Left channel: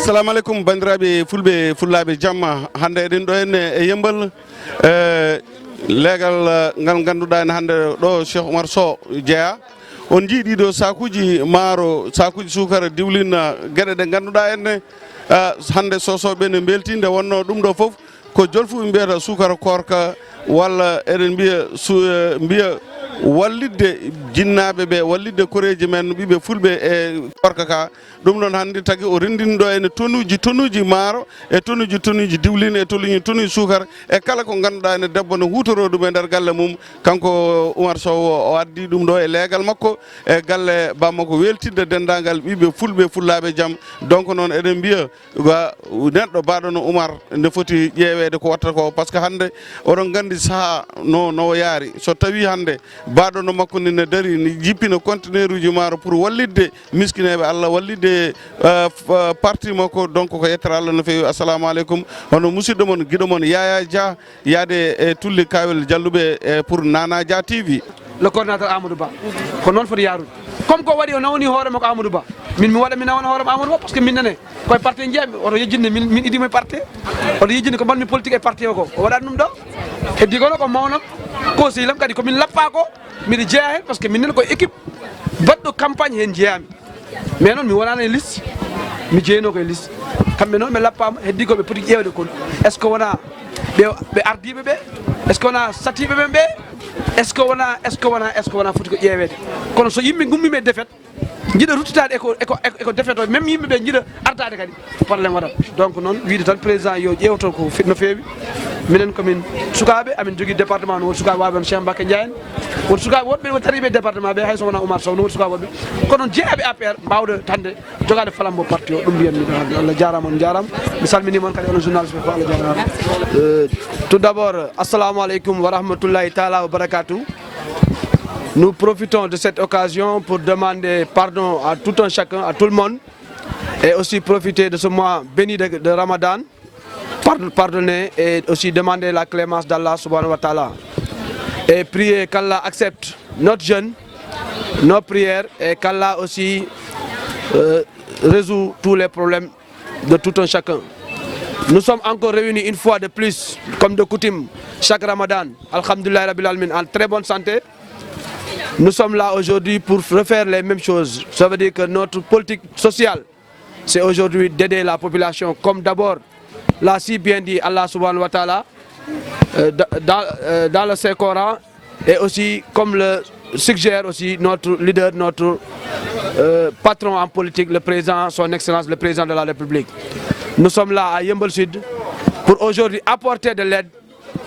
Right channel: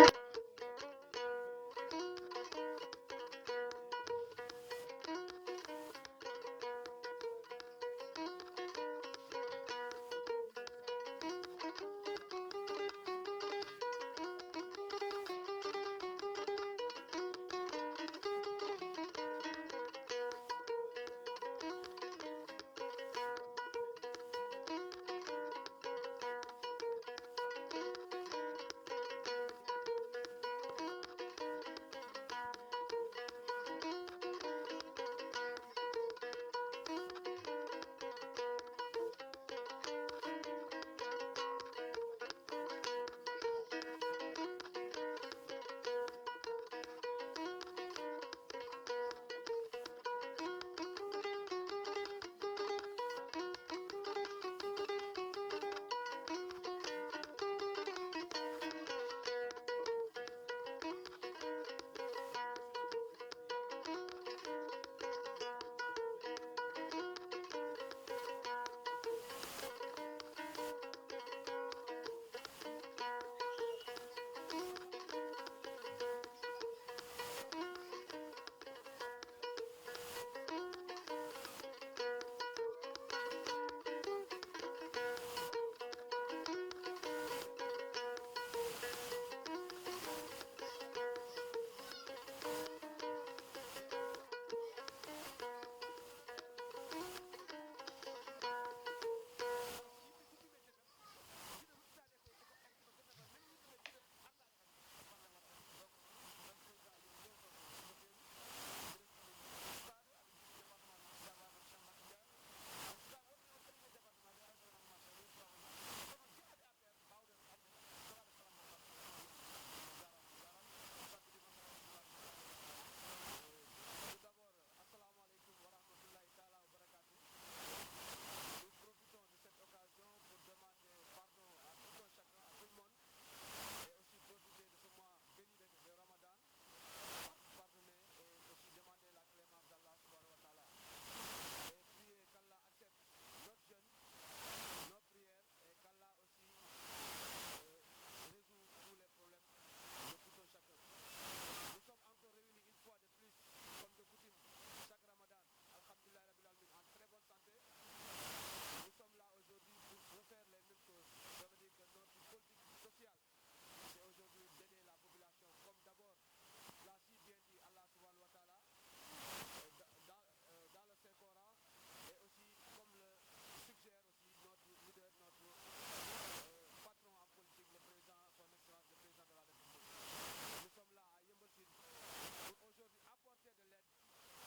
assalamu alaikum bandiraɓe fulɓe fullaɓe jamma hande eɗen ɗo henne e yembal leegal ngal ganduɗa en hande ɗo Cheikh Oumar Sow jeeya on jii ɗiɗo sakuji maaro sakuji sukara diwlin gueɗe ɗe ganduɗa enne hande sosoɓe ne belti nde wonno ɗum ɗo foof ko jolfuɓe mbiyata sukara korka walla eɗen mbiya wallidde jinnaɓe ɓe wallidde koreji men ɓiɓe fulɓe e korka ka ɗum ɗon hannde tagi o rendinɗo ene tonnuji maaro e tonnuji diwlin e tonnuji sukara e kala ko ganduɗa ene debbo no hutoro ɗum e nder galle mum kanko Oumar Sow o addi ɗum ɗo e leegal makko e galle bamma ko weltidde dendagal ɓiɓe fulɓe fullaɓe jaam donc noon eɗen mbiya neɗɗo baɗono Oumar nde foti ƴeewede ko watta ko par ce que hannde oɗon gandi saaha no yaari so tawi hannde baɗono makko ne dari ne jippina conteneur uji maaro pour wallidde miskineɓe Allah wallidde parti makko donc ko yettere Allah no fewi assalamu aleykum hono musidɗo mon guiɗo mon Yaya Dia yaade e tulli kawel jalluɓe pour Nana Dia TV. Le coordinateur Amadou Ba ko noon foti yaarude comme ko waɗi o nawni hoore makko Amadou Ba min mi waɗa mi nawana hoorema Amadou Ba par ce que min nane koye parti jeeyami oto yejjinde min idimo e parti oto yejjinde ko manmi politique e parti o ko o waɗani ɗum ɗo heddi kono ko mawno ko silam kadi komin lappa ko miɗa jeeya hen par ce que min nene koye équipe baɗɗo campagne hen jeeyami mais noon mi wonano e liste mi jeeyno koye liste kamɓe noon ɓe lappama heddi koɓe poti ƴewde kon est ce que wona ɓe ardiɓe ɓe est ce que wona satiɓe ɓen ɓe est ce que wona foti ko ƴeewede kono so yimɓe gummima e défaite jiiɗa ruttitade eko défaite o même yimɓeɓe jiiɗa ardade kadi probléme waɗat donc noon wiide tan président yo ƴewto ko no feewi minen komin sukaɓe amin jogui département no woni sukaɓe waɓe on Cheikh Mbacké Ndiaye en woni sukaɓe woɗɓe tariɓe département ɓe hay so wona Oumar Sow no woni sukaɓe woɗɓe kono jeeyaɓe APR mbawde hande jogade flambeau parti o ɗum mbiyanmi ɗo Allah jarama on jarama mi salminimon kadi onon journaliste ɓe ko Allah jarama tout d'abord assalamu aleykum wa rahmatullahi taala wa barakatuh. Nous profitons de cette occasion pour demander pardon à tout un chacun, à tout le monde, et aussi profiter de ce mois béni de Ramadan, pardonner et aussi demander la clémence d'Allah subhanahu wa ta'ala. Et prier qu'Allah accepte notre jeûne, nos prières, et qu'Allah aussi résout tous les problèmes de tout un chacun. Nous sommes encore réunis une fois de plus, comme de coutume, chaque Ramadan, alhamdoulillahi rabbil alamin, en très bonne santé. Nous sommes là aujourd'hui pour refaire les mêmes choses. Ça veut dire que notre politique sociale, c'est aujourd'hui d'aider la population, comme d'abord l'a si bien dit Allah subhanahu wa ta'ala dans le Saint-Coran, et aussi comme le suggère aussi notre leader, notre patron en politique, le président, son excellence, le président de la République. Nous sommes là à Yeumbeul Sud pour aujourd'hui apporter de l'aide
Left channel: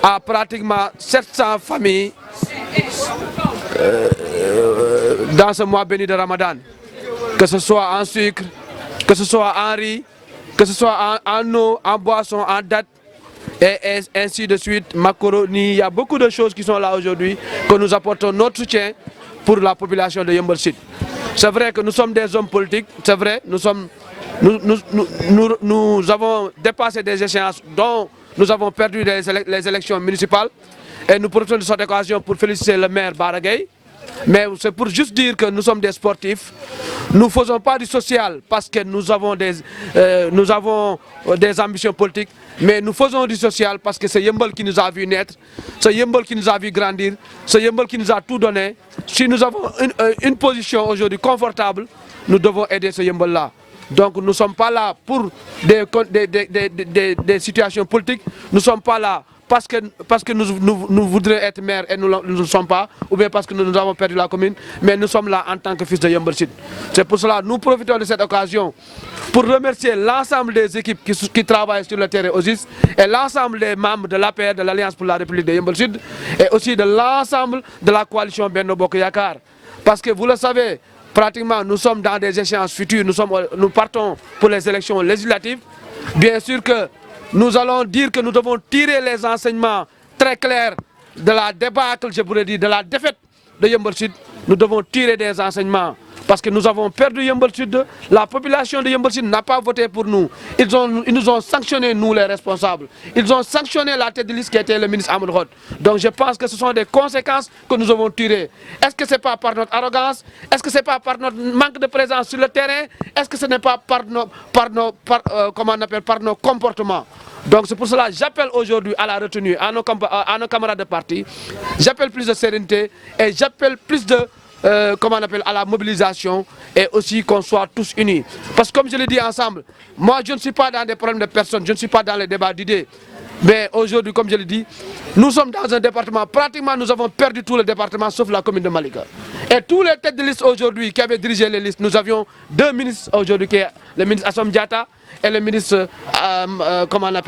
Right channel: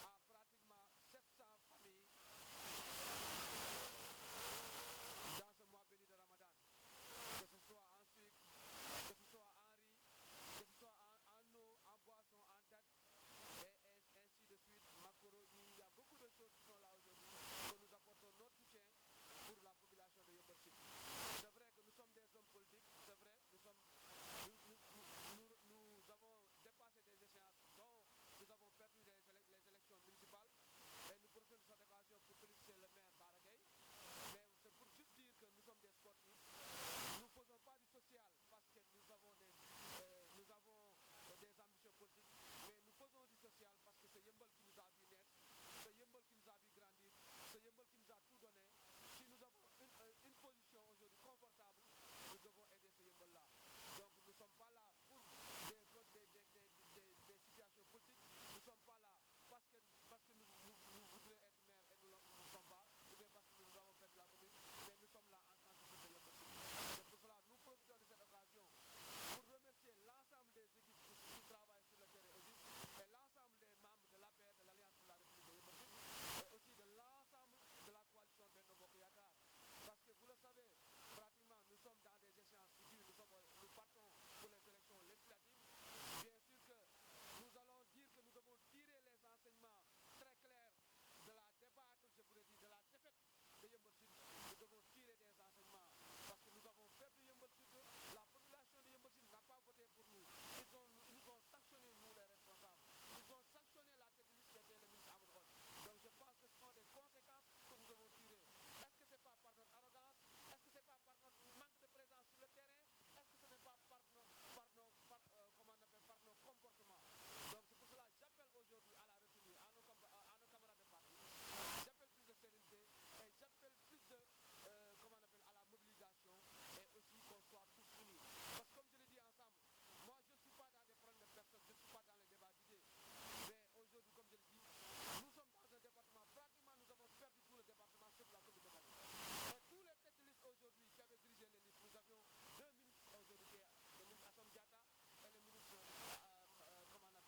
à pratiquement 700 familles dans ce mois béni de Ramadan, que ce soit en sucre, que ce soit en riz, que ce soit en eau, en boisson, en dattes, et ainsi de suite, macaroni. Il y a beaucoup de choses qui sont là aujourd'hui, que nous apportons notre soutien pour la population de Yeumbeul Sud. C'est vrai que nous sommes des hommes politiques, c'est vrai, nous avons dépassé des échéances dont nous avons perdu les élections municipales, et nous profitons de cette occasion pour féliciter le maire Bara Gaye. Mais c'est pour juste dire que nous sommes des sportifs. Nous ne faisons pas du social parce que nous avons des ambitions politiques, mais nous faisons du social parce que c'est Yeumbeul qui nous a vu naître, c'est Yeumbeul qui nous a vu grandir, c'est Yeumbeul qui nous a tout donné. Si nous avons une position aujourd'hui confortable, nous devons aider ce Yeumbeul-là. Donc nous ne sommes pas là pour des situations politiques, nous ne sommes pas là parce que nous voudrions être maire et nous ne le sommes pas, ou bien parce que nous avons perdu la commune, mais nous sommes là en tant que fils de Yeumbeul Sud. C'est pour cela que nous profitons de cette occasion pour remercier l'ensemble des équipes qui travaillent sur le terrain OSIS, et l'ensemble des membres de l'APR, de l'Alliance pour la République de Yeumbeul Sud, et aussi de l'ensemble de la coalition Benno Bokk Yakaar. Parce que vous le savez, pratiquement nous sommes dans des échéances futures, nous partons pour les élections législatives. Bien sûr que nous allons dire que nous devons tirer les enseignements très clairs de la débâcle, je pourrais dire, de la défaite de Yeumbeul Sud. nous devons tirer des enseignements. Parce que nous avons perdu Yeumbeul Sud, la population de Yeumbeul Sud n'a pas voté pour nous. Ils nous ont sanctionné, nous les responsables. Ils ont sanctionné la tête de liste qui était le ministre Amadou Hott. Donc je pense que ce sont des conséquences que nous avons tirées. Est-ce que ce n'est pas par notre arrogance? Est-ce que ce n'est pas par notre manque de présence sur le terrain? Est-ce que ce n'est pas par nos comportements? Donc c'est pour cela que j'appelle aujourd'hui à la retenue, à nos camarades de parti. J'appelle plus de sérénité et j'appelle plus de à la mobilisation et aussi qu'on soit tous unis. Parce que comme je l'ai dit ensemble, moi je ne suis pas dans des problèmes de personnes, je ne suis pas dans les débats d'idées. Mais aujourd'hui, comme je l'ai dit, nous sommes dans un département, pratiquement nous avons perdu tout le département sauf la commune de Malika. Et tous les têtes de liste aujourd'hui qui avaient dirigé les listes, nous avions deux ministres aujourd'hui, qui est le ministre Assom Diatta et le ministre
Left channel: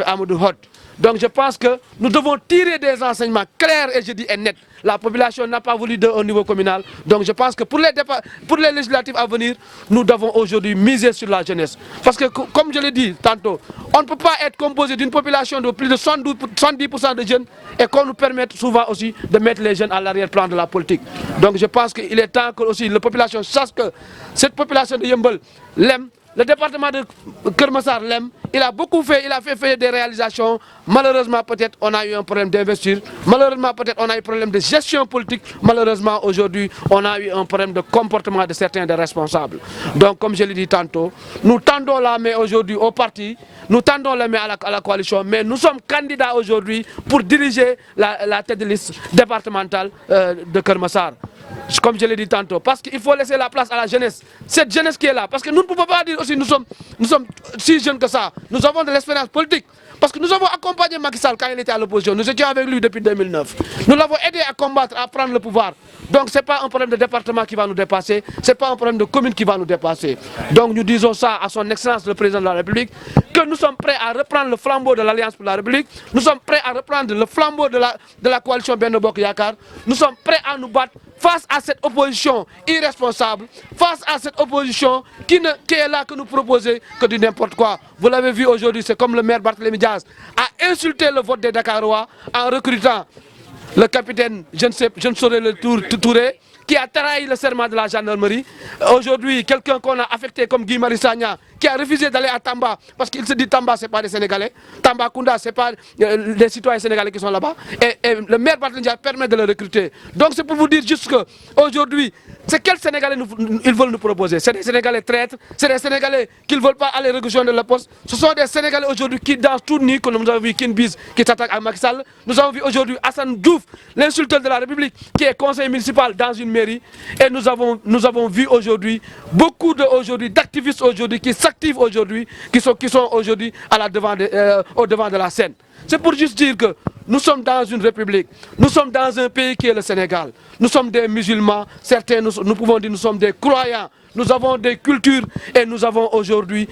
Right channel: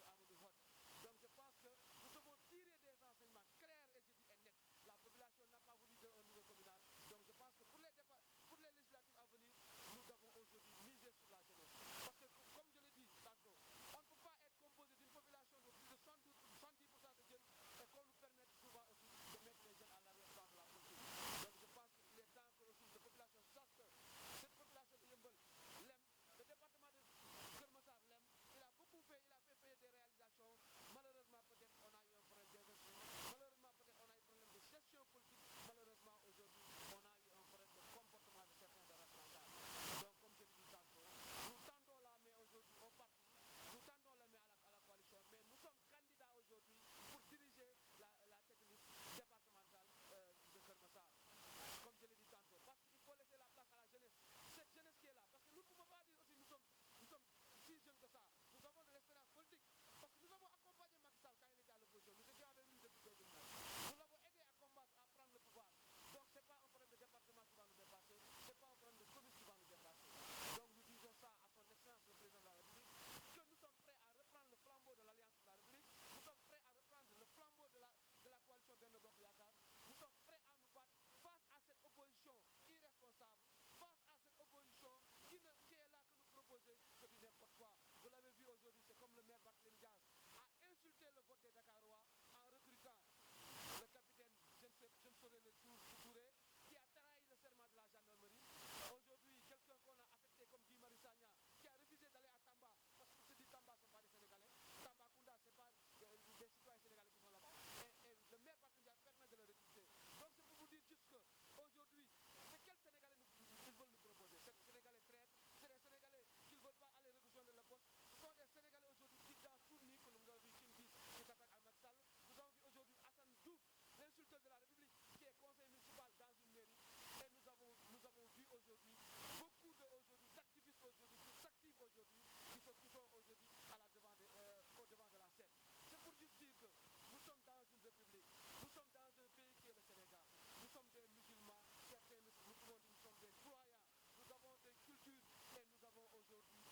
Amadou Hott. Donc je pense que nous devons tirer des enseignements clairs et je dis nets. La population n'a pas voulu au niveau communal. Donc je pense que pour les législatives à venir, nous devons aujourd'hui miser sur la jeunesse. Parce que comme je l'ai dit tantôt, on ne peut pas être composé d'une population de plus de 70% de jeunes et qu'on nous permette souvent aussi de mettre les jeunes à l'arrière-plan de la politique. Donc je pense qu'il est temps que aussi la population sache que cette population de Yeumbeul l'aime. Le département de Keur Massar l'aime, il a beaucoup fait, il a fait des réalisations. Malheureusement, peut-être on a eu un problème d'investir. Malheureusement, peut-être on a eu un problème de gestion politique. Malheureusement, aujourd'hui, on a eu un problème de comportement de certains des responsables. Donc, comme je l'ai dit tantôt, nous tendons la main aujourd'hui au parti, nous tendons la main à la coalition, mais nous sommes candidats aujourd'hui pour diriger la tête de liste départementale de Keur Massar. Comme je l'ai dit tantôt, parce qu'il faut laisser la place à la jeunesse. Cette jeunesse qui est là, parce que nous ne pouvons pas dire aussi nous sommes si jeunes que ça. Nous avons de l'expérience politique. Parce que nous avons accompagné Macky Sall quand il était à l'opposition. Nous étions avec lui depuis 2009. Nous l'avons aidé à combattre, à prendre le pouvoir. Donc ce n'est pas un problème de département qui va nous dépasser. Ce n'est pas un problème de commune qui va nous dépasser. Donc nous disons ça à son excellence le président de la République, que nous sommes prêts à reprendre le flambeau de l'Alliance pour la République. Nous sommes prêts à reprendre le flambeau de la coalition Benno Bokk Yakaar. Nous sommes prêts à nous battre face à cette opposition irresponsable, face à cette opposition qui est là que nous proposer que du n'importe quoi. Vous l'avez vu aujourd'hui, c'est comme le maire Barthélémy Diaz a insulté le vote des Dakarois en recrutant le capitaine, je ne saurais le Touré, qui a trahi le serment de la gendarmerie. Aujourd'hui, quelqu'un qu'on a affecté comme Guy Marius Sagna, qui a refusé d'aller à Tamba, parce qu'il se dit Tamba, ce n'est pas des Sénégalais. Tambacounda, ce n'est pas des citoyens sénégalais qui sont là-bas. Et le maire Barthélémy Diaz permet de le recruter. Donc c'est pour vous dire juste qu'aujourd'hui, c'est quels Sénégalais ils veulent nous proposer? C'est des Sénégalais traîtres, c'est des Sénégalais qui ne veulent pas aller rejoindre le poste. Ce sont des Sénégalais aujourd'hui qui dansent tout nu, comme nous avons vu Kinbiz qui s'attaque à Macky Sall. Nous avons vu aujourd'hui Assane Diouf, l'insulteur de la République, qui est conseiller municipal dans une mairie. Et nous avons vu aujourd'hui beaucoup d'activistes aujourd'hui qui s'activent aujourd'hui, qui sont aujourd'hui au devant de la scène. C'est pour juste dire que nous sommes dans une république, nous sommes dans un pays qui est le Sénégal. Nous sommes des musulmans, certains nous pouvons dire nous sommes des croyants. Nous avons des cultures et nous avons aujourd'hui,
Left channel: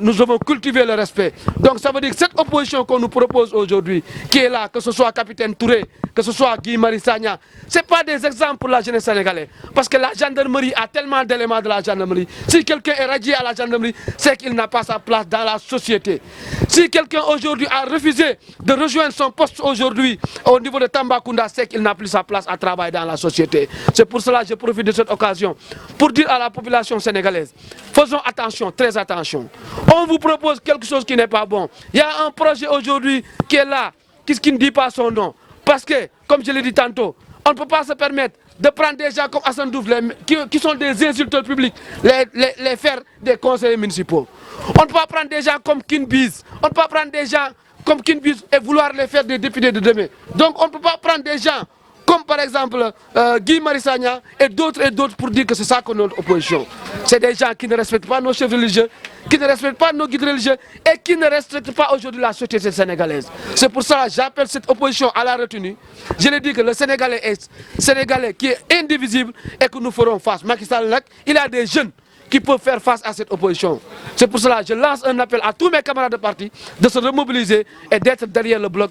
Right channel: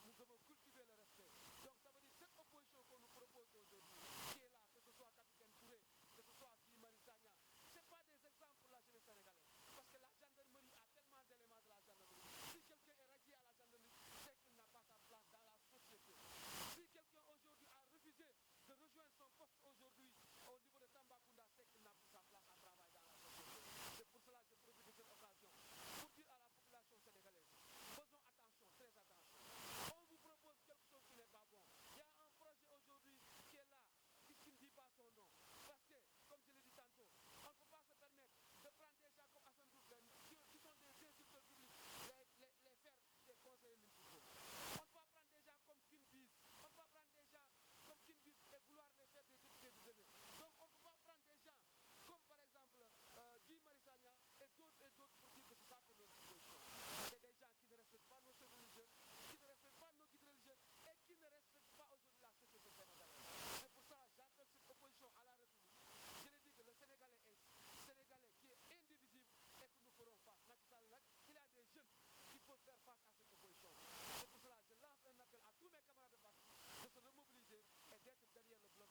nous avons cultivé le respect. Donc ça veut dire que cette opposition qu'on nous propose aujourd'hui, qui est là, que ce soit Capitaine Touré, que ce soit Guy Marius Sagna, ce n'est pas des exemples pour la jeunesse sénégalaise. Parce que la gendarmerie a tellement d'éléments de la gendarmerie. Si quelqu'un est radié à la gendarmerie, c'est qu'il n'a pas sa place dans la société. Si quelqu'un aujourd'hui a refusé de rejoindre son poste aujourd'hui au niveau de Tambacounda, c'est qu'il n'a plus sa place à travailler dans la société. C'est pour cela que je profite de cette occasion pour dire à la population sénégalaise, faisons attention, très attention. On vous propose quelque chose qui n'est pas bon. Il y a un projet aujourd'hui qui est là, qui ne dit pas son nom. Parce que, comme je l'ai dit tantôt, on ne peut pas se permettre de prendre des gens comme Assane Diouf, qui sont des insulteurs publics, les faire des conseillers municipaux. On ne peut pas prendre des gens comme Kinbiz, on ne peut pas prendre des gens comme Kinbiz et vouloir les faire des députés de demain. Donc on ne peut pas prendre des gens comme par exemple Guy Marius Sagna et d'autres pour dire que c'est ça que notre opposition. C'est des gens qui ne respectent pas nos chefs religieux, qui ne respectent pas nos guides religieux et qui ne respectent pas aujourd'hui la société sénégalaise. C'est pour ça que j'appelle cette opposition à la retenue. Je l'ai dit que le Sénégalais est Sénégalais qui est indivisible et que nous ferons face. Macky Sall, il a des jeunes qui peuvent faire face à cette opposition. C'est pour cela que je lance un appel à tous mes camarades de parti de se remobiliser et d'être derrière le bloc,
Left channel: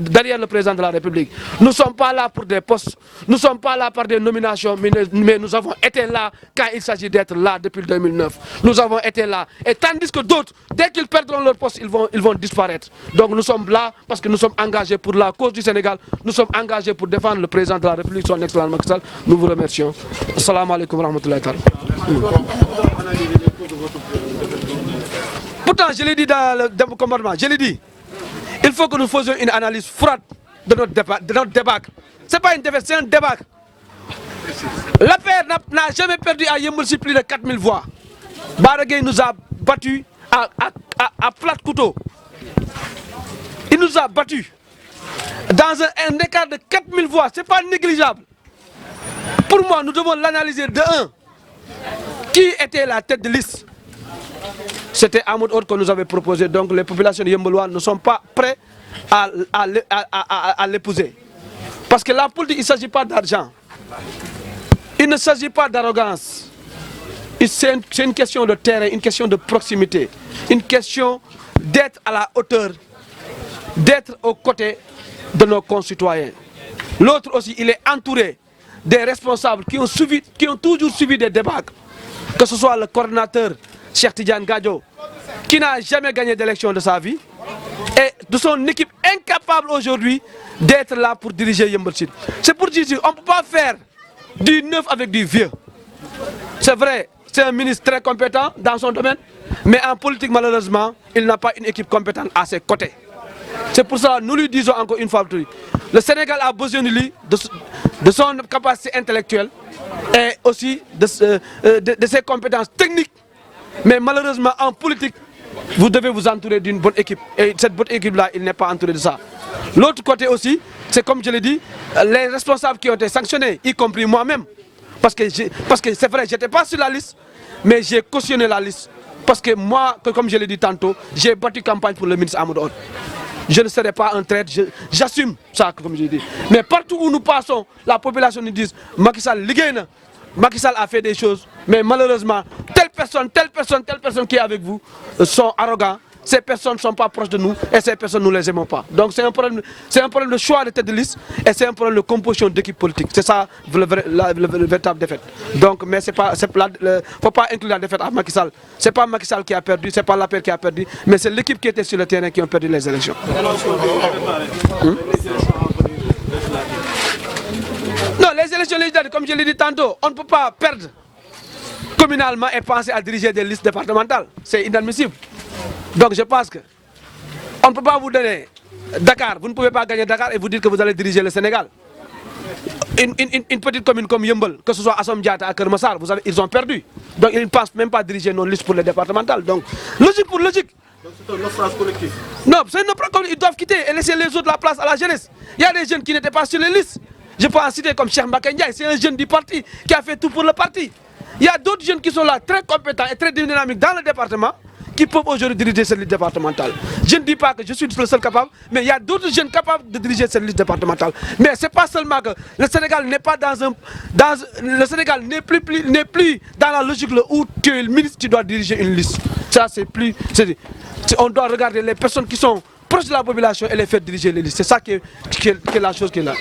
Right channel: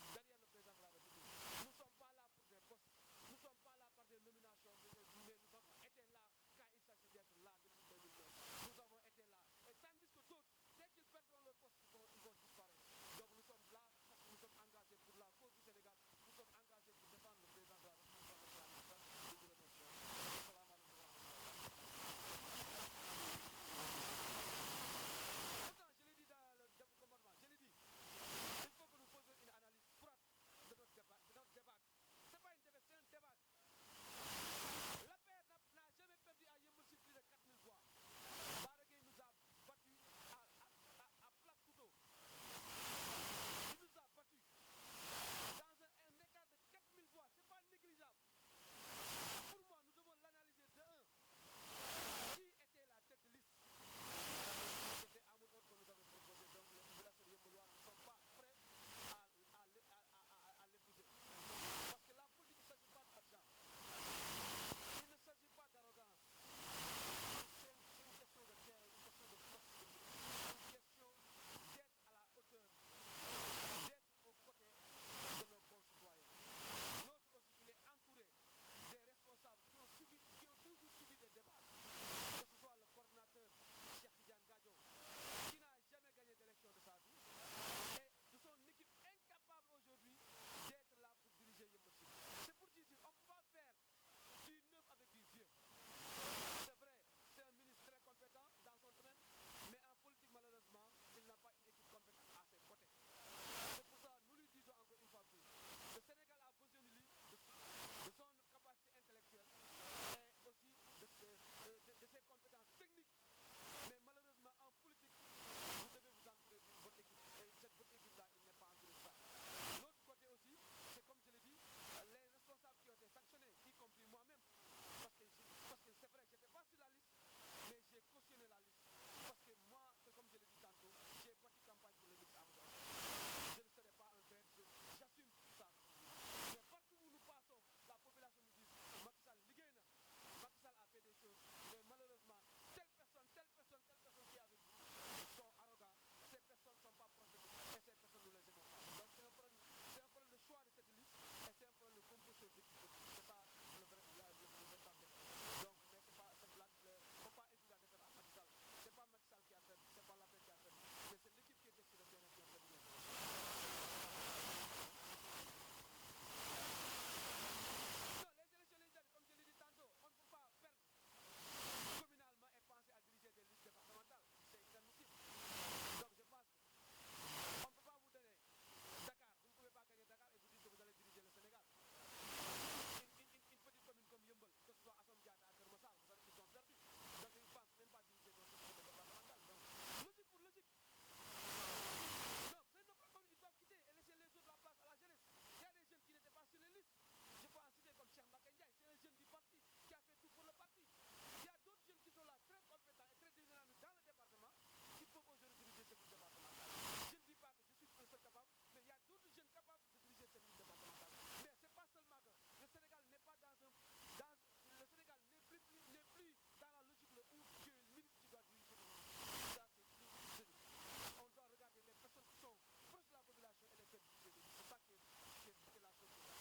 derrière le président de la République. Nous ne sommes pas là pour des postes, nous ne sommes pas là par des nominations, mais nous avons été là quand il s'agit d'être là depuis 2009. Nous avons été là. Et tandis que d'autres, dès qu'ils perdront leur poste, ils vont disparaître. Donc nous sommes là parce que nous sommes engagés pour la cause du Sénégal, nous sommes engagés pour défendre le président de la République, son excellence Macky Sall. Nous vous remercions. Assalamu alaikum wa rahmatullahi ta'ala. Pourtant, je l'ai dit dans le comportement, je l'ai dit, il faut que nous faisions une analyse froide de notre débâcle. Ce n'est pas une défaite, c'est un débâcle. L'APR n'a jamais perdu à Yeumbeul plus de 4000 voix. Baragay nous a battus à plat couteau. Il nous a battus dans un écart de 4000 voix. Ce n'est pas négligeable. Pour moi, nous devons l'analyser de un. Qui était la tête de liste? C'était Amadou Hott que nous avait proposé. Donc les populations de Yeumbeul ne sont pas prêtes à l'épouser. Parce que la politique, il ne s'agit pas d'argent. Il ne s'agit pas d'arrogance. C'est une question de terrain, une question de proximité. Une question d'être à la hauteur, d'être aux côtés de nos concitoyens. L'autre aussi, il est entouré des responsables qui ont toujours suivi des débats. Que ce soit le coordinateur Cheikh Tidiane Gadio, qui n'a jamais gagné d'élection de sa vie, et de son équipe incapable aujourd'hui d'être là pour diriger Yeumbeul Sud. C'est pour dire qu'on ne peut pas faire du neuf avec du vieux. C'est vrai, c'est un ministre très compétent dans son domaine, mais en politique, malheureusement, il n'a pas une équipe compétente à ses côtés. C'est pour ça que nous lui disons encore une fois, le Sénégal a besoin de lui, de son capacité intellectuelle et aussi de ses compétences techniques. Mais malheureusement, en politique, vous devez vous entourer d'une bonne équipe. Et cette bonne équipe-là, il n'est pas entouré de ça. L'autre côté aussi, c'est comme je l'ai dit, les responsables qui ont été sanctionnés, y compris moi-même. Parce que c'est vrai, je n'étais pas sur la liste, mais j'ai cautionné la liste. Parce que moi, comme je l'ai dit tantôt, j'ai battu campagne pour le ministre Amadou Hott. Je ne serai pas un traître, j'assume ça, comme je l'ai dit. Mais partout où nous passons, la population nous dit Macky Sall liggéey, Macky Sall a fait des choses, mais malheureusement, telle personne qui est avec vous sont arrogants. Ces personnes ne sont pas proches de nous et ces personnes, nous ne les aimons pas. Donc c'est un problème de choix de tête de liste et c'est un problème de composition d'équipe politique. C'est ça le véritable défaite. Donc, mais il ne faut pas inclure la défaite à Macky Sall. Ce n'est pas Macky Sall qui a perdu, ce n'est pas l'APR qui a perdu, mais c'est l'équipe qui était sur le terrain qui a perdu les élections. Non, les élections législatives, comme je l'ai dit tantôt, on ne peut pas perdre communalement et penser à diriger des listes départementales. C'est inadmissible. Donc je pense qu'on ne peut pas vous donner Dakar, vous ne pouvez pas gagner Dakar et vous dire que vous allez diriger le Sénégal. Une petite commune comme Yeumbeul, que ce soit Assome Diatta à Keur Massar, ils ont perdu. Donc ils ne pensent même pas diriger nos listes pour les départementales. Donc logique pour logique. Donc c'est un naufrage collectif. Non, c'est un naufrage collectif. Ils doivent quitter et laisser les autres la place à la jeunesse. Il y a des jeunes qui n'étaient pas sur les listes. Je peux en citer comme Cheikh Mbacké Ndiaye, c'est un jeune du parti qui a fait tout pour le parti. Il y a d'autres jeunes qui sont là, très compétents et très dynamiques dans le département, qui peuvent aujourd'hui diriger cette liste départementale. Je ne dis pas que je suis le seul capable, mais il y a d'autres jeunes capables de diriger cette liste départementale. Mais ce n'est pas seulement que le Sénégal n'est pas le Sénégal n'est plus dans la logique où tu es le ministre, tu dois diriger une liste. Ça, c'est plus... on doit regarder les personnes qui sont proches de la population et les faire diriger les listes. C'est ça qui est la chose qui est là.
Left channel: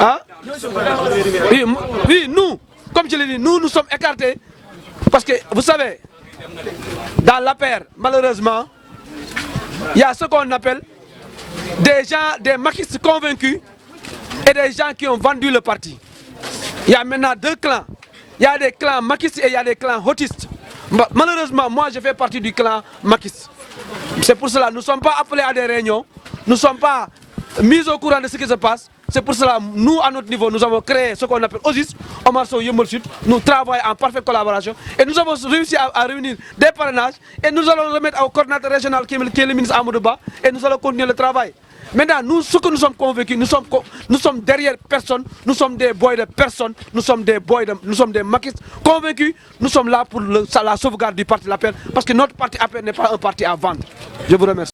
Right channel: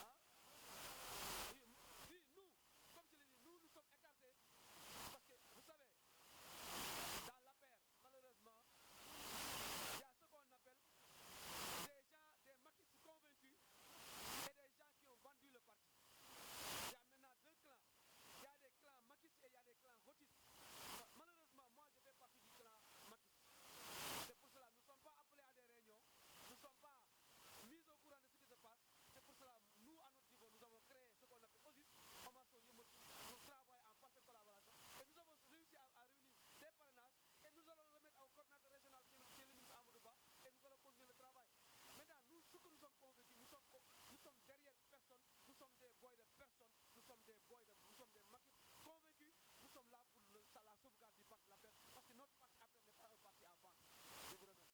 Hein? Oui, nous, comme je l'ai dit, nous sommes écartés. Parce que, vous savez, dans l'APR, malheureusement, il y a ce qu'on appelle des gens, des maquistes convaincus et des gens qui ont vendu le parti. Il y a maintenant deux clans. Il y a des clans maquistes et il y a des clans hotistes. Malheureusement, moi, je fais partie du clan maquiste. C'est pour cela que nous ne sommes pas appelés à des réunions, nous ne sommes pas mis au courant de ce qui se passe. C'est pour cela que nous, à notre niveau, nous avons créé ce qu'on appelle OSIS, Omar Sow Yeumbeul Sud. Nous travaillons en parfaite collaboration et nous avons réussi à réunir des parrainages et nous allons remettre au coordinateur régional qui est le ministre Amadou Ba et nous allons continuer le travail. Maintenant, nous, ce que nous sommes convaincus, nous sommes derrière personne, nous sommes des boys de personne, nous sommes des maquistes convaincus, nous sommes là pour la sauvegarde du parti de l'APR parce que notre parti APR n'est pas un parti à vendre. Je vous remercie.